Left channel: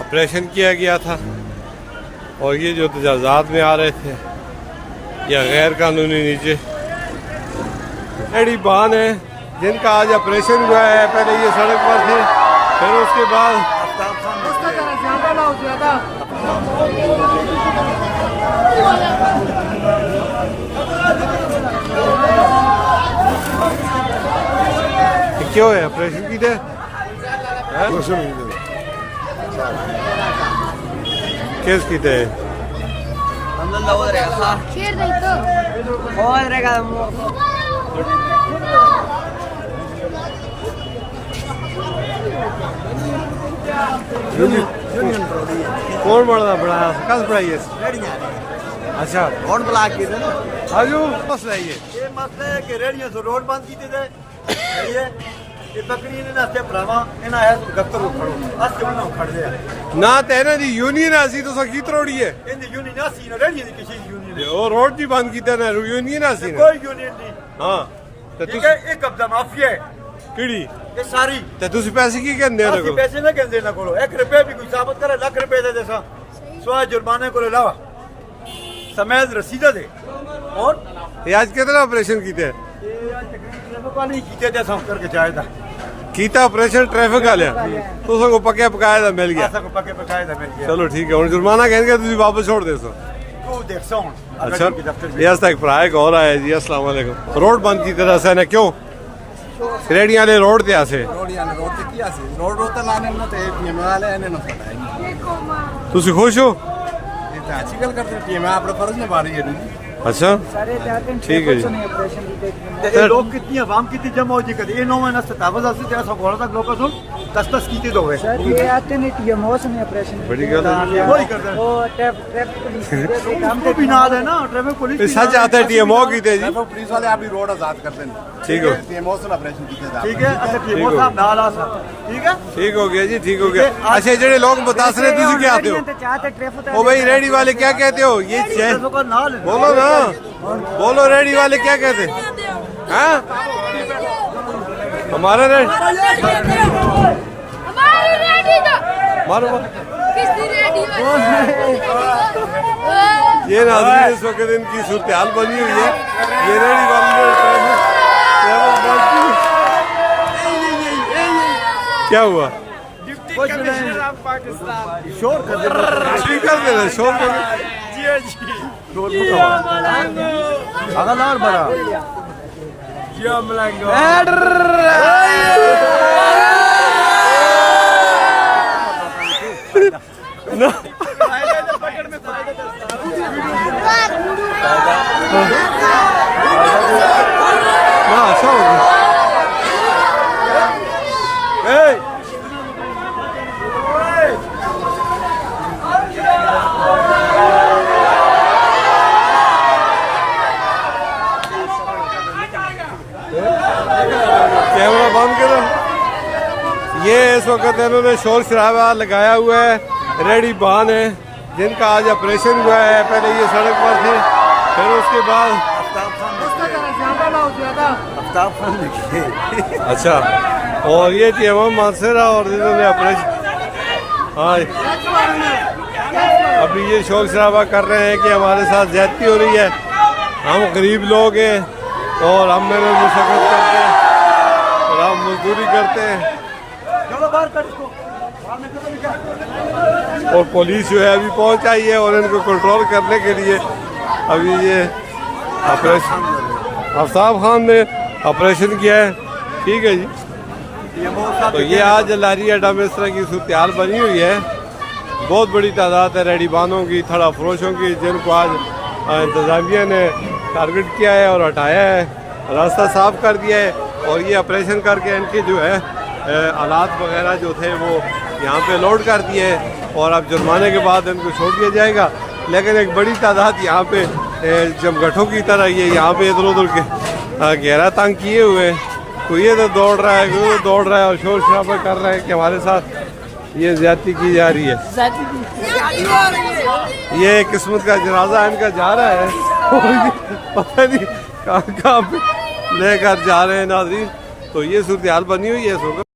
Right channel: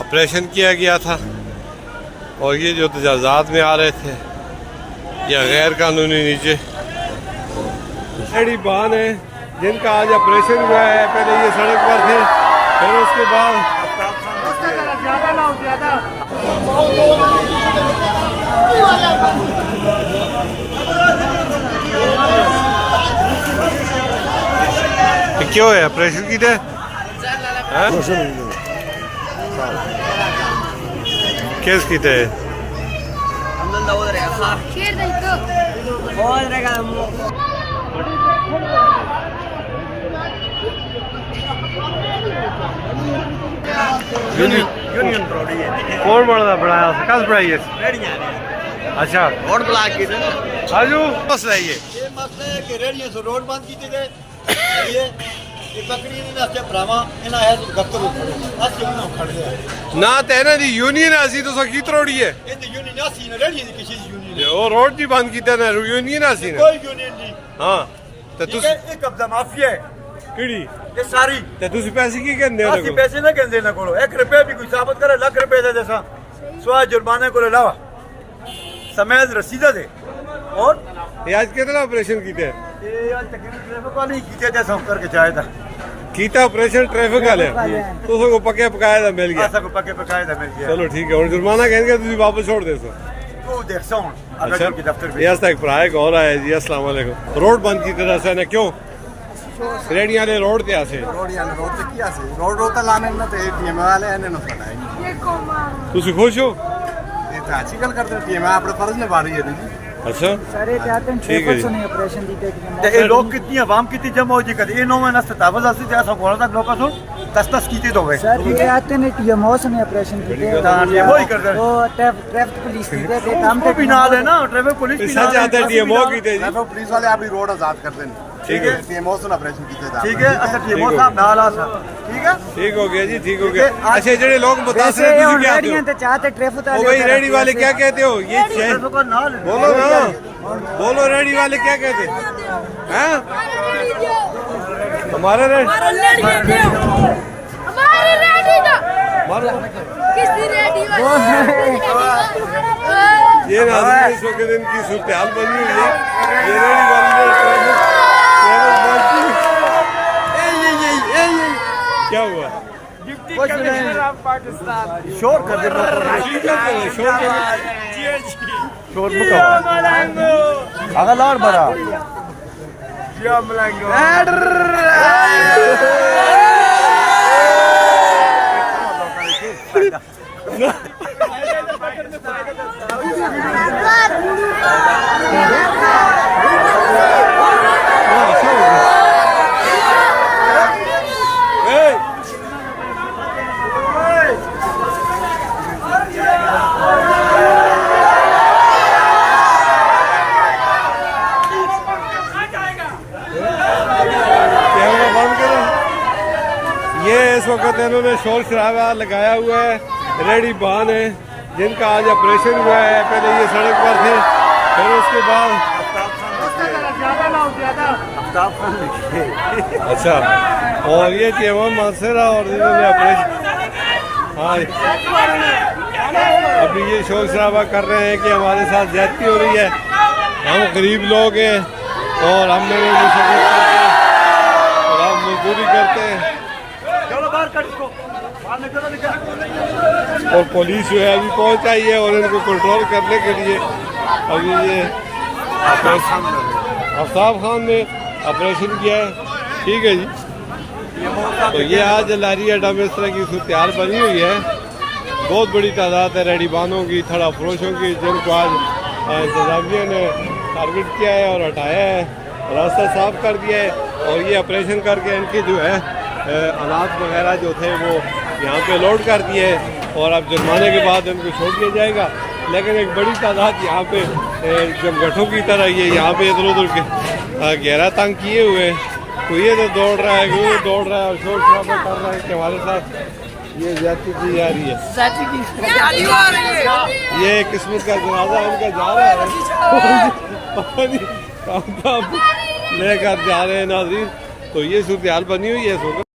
Operation किया गया था और ये जो तजावुज़ात में आ रहे थे या गैर कानूनी नीचे एडी बान है जिनका आज ऑपरेशन हुआ है। पहले ये सड़क पर थे, फिर उसके बाद क्यों है ऑपरेशन की थे केस की थे कौन बनाया कस बनाई है? अच्छा आजू मसला ये मसला है कि रेडियो से रोड बंद की थे ना तेना दी यूनियन आसी तो सकी तरोड़ी है यूनियन आसी ना रेडियो दी किसी यूनियन ओ रोड दी बंद कीता ना यूनियन आसी कोई यूनियन नहीं। हां ते तुस ये कब्जा माफिया है किड़ी ये सारी ते तुसी पैसे की कहंदे हो? ਅਸੀਂ ਪੈਸੇ ਨਾ ਕਹਿੰਦੇ ਨਾ ਕੋਲੋਂ 1 ਰੁਪਏ ਵੀ ਕੋਈ ਸਾਬਤ करे ਲੱਖ ਰੁਪਏ ਦੇ ਦੇਸਾਂ ਸਵਾ जुर्माने को अलावा समेत रसीदा दे। और ये आज कितना ऑपरेशन कीते ये आज तकरीबन ट्रैफिक वाले ही कीते थे सब करके जाए था कीता ऑपरेशन ट्रैफिक वाले तो सबको पक्के पकाया था मिल गया ऐसा को पक्के पकाए था मिल गया। चलो ठीक है और जुर्माना कहेंगे तुसी वापस छोड़ दे सो तू देख सो अच्छा ये आज तक प्राय कॉल आया जी अस्सलाम वालेकुम रोड बंद की तरह से ने क्यों रेडियां ले रोड ते आसे रोड ते की आसे रोड रोता लाने ना ते टीएम वाले ने ना पता है तुसी खुश हो? ये तो अच्छी गल करते टीएम अपने फर्ज निभा रही है नहीं। अच्छा ठीक है जी ये लोग कितनी आवाम कितनी जमा हो जी कदे ये 9 महीना 27 से जैसा बोला तक लोग सुन 10 कीते दो गए सर ये आते ने टीएमओ ने ऑपरेशन बड़ी गल है वही कर दे वो ट्रैफिक पुलिस के काम को भी ना है ना ट्रैफिक पुलिस सच आता है टीएमओ कीते जी ट्रैफिक पुलिस वाले आप रोड आजाद कर दें ठीक है टीएमओ से ऑपरेशन कीते ठीक है। अच्छा टीएमओ साहब नाल आ सर ठीक है ठीक हो गया जी ठीक हो गया। अच्छा जेडे लोग मुतासर हैं तुसी क्या कहते हो? चाहते ट्रैफिक ओ भाई रेडी वाले क्या कहते हो? ये बोलो ना बोलो रेडी वाले क्या कहते हैं? हाँ हमारा रेडी ये ना इस वक्त इनकी सूरत हाल बनी हुई है। ये रेडी वाले ट्रैफिक बंद की क्या हुआ? डिप्टी कमिश्नर ऑफ पाकिस्तान शोर कर दे शोर कर अगर लाड़ बड़ा कैमरा बंद करो। ये इस वक्त इन्होंने शोर शराबा लगाया हुआ है। रेडी बान है जिनका आज ऑपरेशन हुआ है। पहले ये सड़क पर थे, फिर उसके बाद अच्छा और ये टीएमओ मानसरा और इन्होंने ऑपरेशन हाँ अभी ये शोर शराबा कर रहे हैं कि हमारे साथ ज्यादती हो रही है, हम गरीब लोग हैं और हम मेहनत मुशक्कत करते हैं और हम मजदूरी करते हैं और पुलिस जो है अभी पहुंच आई है और इनको कंट्रोल करने के लिए अभी ये ऑपरेशन अफताब खान ने ऑपरेशन किया है। ठीक है जी तो ये आज लारी अड्डा में इस तरह की सूरत हाल बनी हुई है। बहुत बड़ी तादाद है रेडी बानों की, थड़ा फरोशों की, जिनको आज इंतजामिया ने टारगेट किया है और हटाया है, रास्ता साफ कर दिया है और ये ऑपरेशन करके इनके जो है आलात वगैरह जो थे वो यहाँ पे लोड कर दिए और अब जुर्माने के बाद इनको छोड़ दिया जाएगा। लेकिन एक बड़ी तादाद यहाँ पे जमगठों की तरह ये यहाँ पे इधर उधर के गहरा तंग किए हुए हैं। कोई ये तो दौड़ रहा है, कोई दौड़ रहा है और शोर शराबा कर रहा है कि हमारे साथ ये ज्यादती की जा रही है। ये किस्मत का जनाजा इनका जा रहा है पता नहीं कहाँ लेकर जा रहे हैं नाज़रीन। तो ये सूरत हाल बनी हुई है।